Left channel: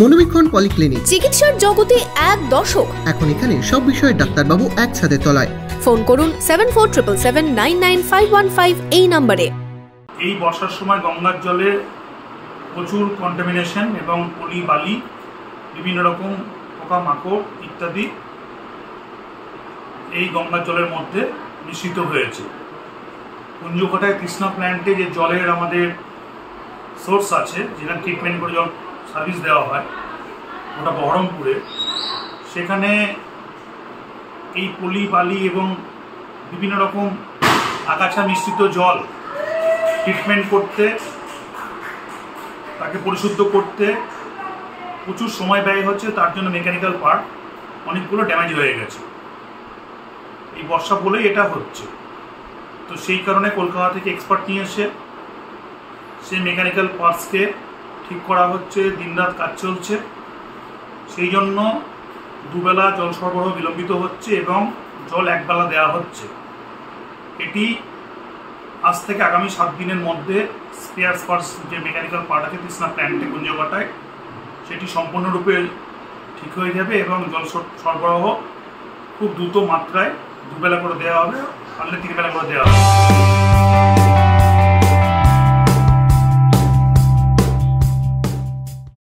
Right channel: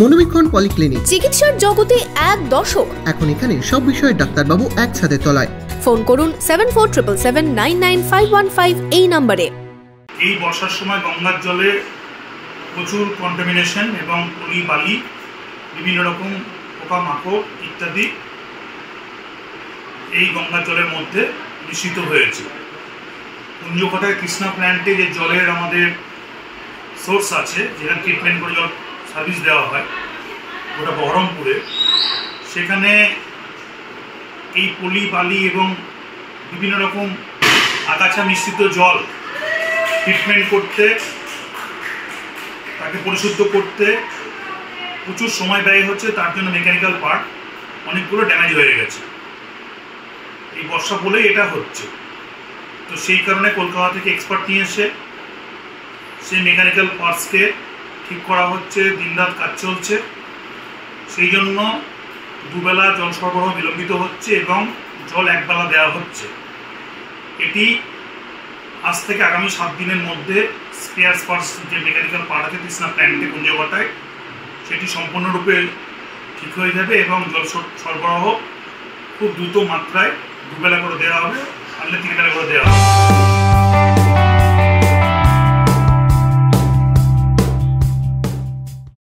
মনোবীক্ষণ polyclinic, চিকিৎসার জগতে এক দশক। এখন এখানে সব বিষয়ে ডাক্তারবাবু একসাথে তলায়। ফোন করুন 7477799515 এই নম্বরে। এই বর্ষার সময় গঙ্গার জলে প্রচুর কন্টামিনেশন এবং পলি বালি, বিভিন্ন রকম পোকামাকড় ইত্যাদি এই গঙ্গার জলের মধ্যে মিশ্রিত হয়েছে। কুঞ্জকোটায় কৃষ্ণা প্ল্যান্টে যে জলের আমাদের সোর্স আছে, যেখানে ট্রিটমেন্ট করে জল সার্ভিস দেওয়া হয়, ওটা বহরমপুরে, সেখানে এই পলি বালি এবং বিভিন্ন রকম আগাছা মিশ্রিত জল ট্রিটমেন্ট করতে, তাকে পরিশুদ্ধ করতে প্রচুর সময় ব্যয় হচ্ছে। তার জন্য মেকানিক্যাল পার্ট অনেকগুলো ড্যামেজ হয়ে গেছে। এই বর্ষা বলেই এটা হচ্ছে। তো সেই কারণে কলকাতা থেকে এক্সপার্ট নিয়ে এসে সেই মেকানিক্যাল পার্টসকে ঠিক করা হচ্ছে, দিনরাত কাজ চলছে। সেই জন্য দুবেলা জল সরবরাহ বিলম্বিত হচ্ছে এবং জল একবেলা দেওয়া হচ্ছে। এটি আজ থেকে আগামী 7 দিনের মধ্যে স্পেয়ার পার্টস যে মেকানিক্যাল পার্ট আছে কৃষ্ণা প্ল্যান্টে কুঞ্জকোটায়, সেটি সম্পূর্ণরূপে ঠিক হয়ে যাবে এবং জল সরবরাহ খুব দ্রুত মাত্রায় দুবেলা করে দেওয়া হবে, পারলে 3 বেলা করে দেওয়া হবে।